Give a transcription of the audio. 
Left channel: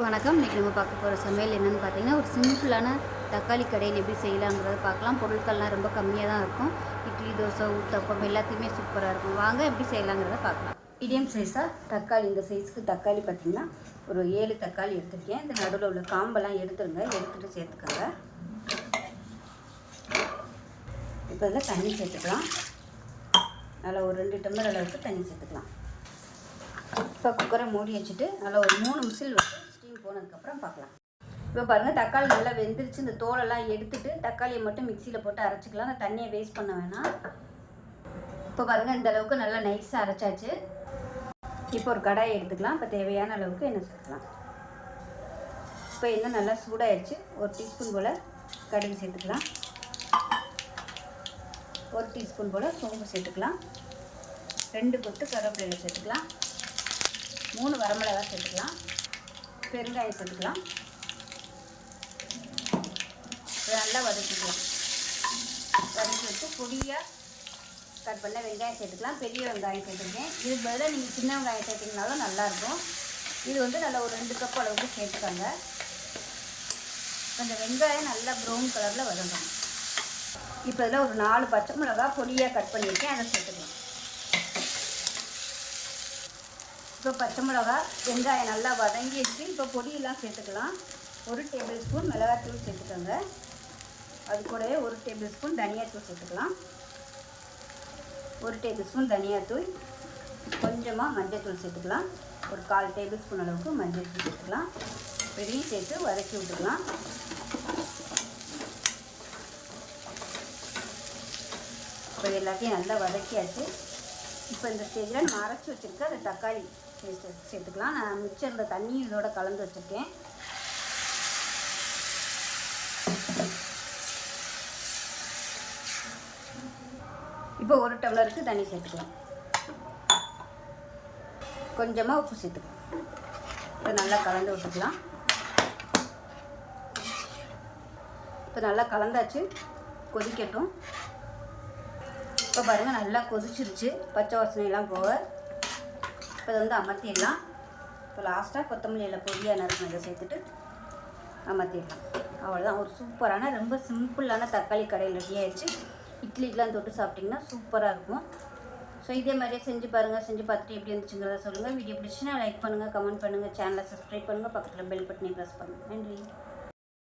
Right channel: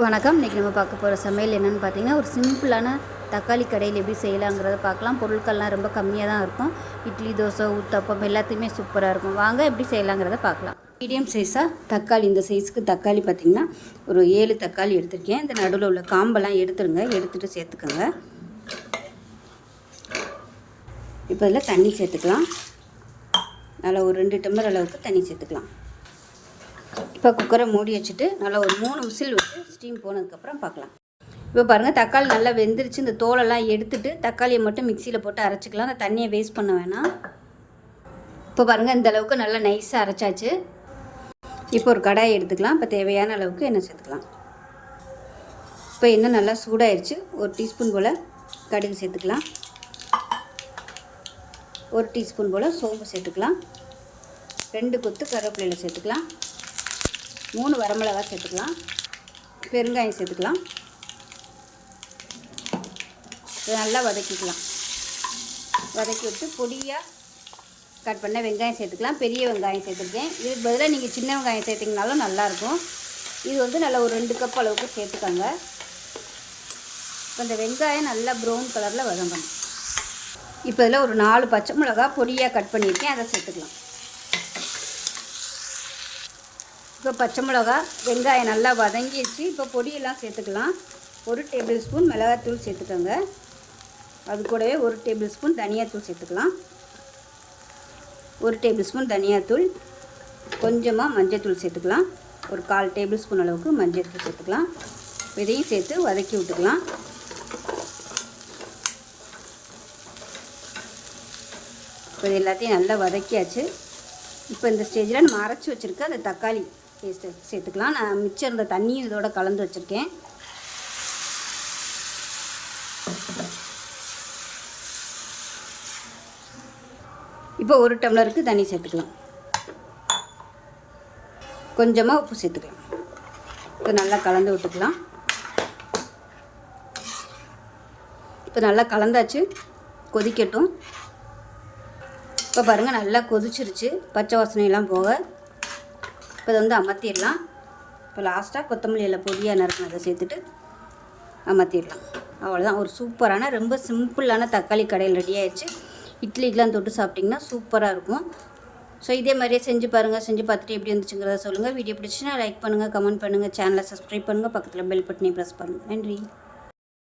வணக்கம். இன்றைக்கி நம்ம பார்க்க போகிற சமையல் என்னென்னு பார்த்தீங்கன்னா, ஒரு சிம்பிளான தக்காளி கடையில் எப்படி செய்யலாங்கிறத பார்க்கலாம். பொருட்கள்லாம் ரொம்ப கம்மியாக தான் இருக்கும். இட்லி, தோசை, ஊத்தப்பம் எல்லாத்தையுமே சூப்பராக இருக்கும். வாங்க எப்படி செய்யலாங்கிறத பார்க்கலாம். மீடியம் சைஸாக தக்காளி, இந்த சைஸுக்கு தக்காளி பார்த்திங்கன்னா ஒரு 7 தக்காளி எடுத்திருக்கேன். இந்த நடுவில் உள்ள காம்பெல்லாம் எடுத்துருங்க, எடுத்துகிட்டு சேர்த்துக்கோங்க. இப்போ இதில் தண்ணி சேர்த்துக்கலாம். நல்லா ஒரு 2 டம்ளர் அளவுக்கு தண்ணி சேர்த்துக்கலாம். இப்போ குக்கரை மூடி வச்சுட்டு நல்லா ஒரு 3 விசில் விட்டு ஸ்டீம் போனதுக்கப்புறம் பார்க்கலாம். இப்போ பாருங்கள், தக்காளி நல்லா வெந்துருச்சு. இந்த தோலெல்லாம் எடுத்துட்டு தக்காளியை மட்டும் மிக்சியில் போட்டு அரைச்சிக்கலாம். அந்த தண்ணியை வேஸ்ட் பண்ண வேணாம். இப்போ பாருங்கள், இந்த அளவுக்கு நல்லா நைஸாக அரைச்சாச்சு. இப்போ ஒரு கடாயை எடுத்துக்கலாம். இப்போ தேவையான அளவுக்கு எண்ணெய் சேர்த்துக்கலாம். இப்போ எண்ணெய் நல்லா சூடாயிருச்சு. ஒரு டீஸ்பூன் போல் கடுகு சேர்த்துக்கலாம். ஒரு டீஸ்பூன் போல் சோம்பு சேர்த்துக்கலாம். 2 கொத்து கருவேப்பிலை சேர்த்துக்கலாம். 3 வரமிளகாய் சேர்த்துக்கலாம். பெருங்காயம் சேர்த்துக்கலாம். இதை நல்லா வதக்கிக்கலாம். வதக்கி வச்சு பொடியாக கட் பண்ண வெங்காயம் சேர்த்துக்கலாம். பெரிய வெங்காயம் சேர்த்துருக்கேன். இதுக்கு பதிலாக நீங்கள் சின்ன வெங்காயம் சேர்த்திங்கனாலும் நல்லாயிருக்கும். இது வந்து நல்லா ஒரு 2 கப் அளவுக்கு சேர்த்துக்கோங்க. இந்த வெங்காயம் நல்லா ப்ரௌன் கலரில் வதங்கணும். இப்போ இதில் ஒரு 4 பச்சை மிளகா பொடியாக கட் பண்ணியிருக்கேன், அதை சேர்த்துக்கலாம். இப்போ பச்சை மிளகா வெங்காயம் நல்லா வதங்கிடுச்சு. இப்போ பொடியெல்லாம் சேர்த்துக்கலாம். 1 டேபிள் ஸ்பூன் மிளகாத்தூள் சேர்த்துக்கோங்க. அது கூடவே 1 டேபிள் ஸ்பூன் தனியாத்தூள் சேர்த்துக்கலாம். 1 டேபிள் ஸ்பூன் தனியாத்தூள், கொஞ்சமாக மஞ்சள்தூள் சேர்த்துக்கலாம். ஒரு 1/4 டேபிள் ஸ்பூன் அளவுக்கு மஞ்சள்தூள் சேர்த்துக்கலாம். இதையும் சேர்த்து வதக்கி விட்டுக்கலாம். இது எல்லாத்தையும் நல்லா வதக்கியாச்சு. இப்போ இந்த ஸ்டேஜில் நம்ம அரைச்சி வச்சுருக்க அந்த தக்காளி சேர்த்துக்கலாம். நான் மிச்சம் இருந்த தண்ணியும் இதோட கலந்து வச்சுருக்கேன். இப்போ 1 டம்ளருக்கு தண்ணி சேர்த்துக்கலாம். கொஞ்சமாக உப்பு சேர்த்துக்கலாம். இப்போ நல்லா கலந்து விட்டுக்கலாம். இப்போ நல்லா கலந்தாச்சு, கொதிக்கட்டும். இப்போ பாருங்கள், நல்லா கொதிச்சிருச்சு, பச்சை வாசனையெல்லாம் போக. இப்போ இதை வந்து அமர்த்திடலாம். இப்போ லாஸ்ட்டாக கொத்தமல்லி எல்லாம் பொடியாக நறுக்கினதை சேர்த்துட்டு அமர்த்திடலாம். அவ்வளோதான். ஒரு சூப்பரான ரொம்ப சிம்பிளான தக்காளி கடையில் ரெடி ஆகிடுச்சு. இட்லிக்கெலாம் தொட்டு சாப்பிட்டிங்கன்னா சூப்பராக இருக்கும். ஸோ இதே மாதிரியே செஞ்சு பாருங்கள். செஞ்சு பார்த்துட்டு எப்படி இருந்துச்சுங்கிறத சொல்லுங்கள். வீடியோ பிடிச்சின்னா லைக் பண்ணுங்கள், கமெண்ட் பண்ணுங்கள், சேனலை சப்ஸ்கிரைப் பண்ணுங்கள், பக்கத்தில் பெல் பட்டனையும் ப்ரெஸ் பண்ணுங்கள். நன்றி.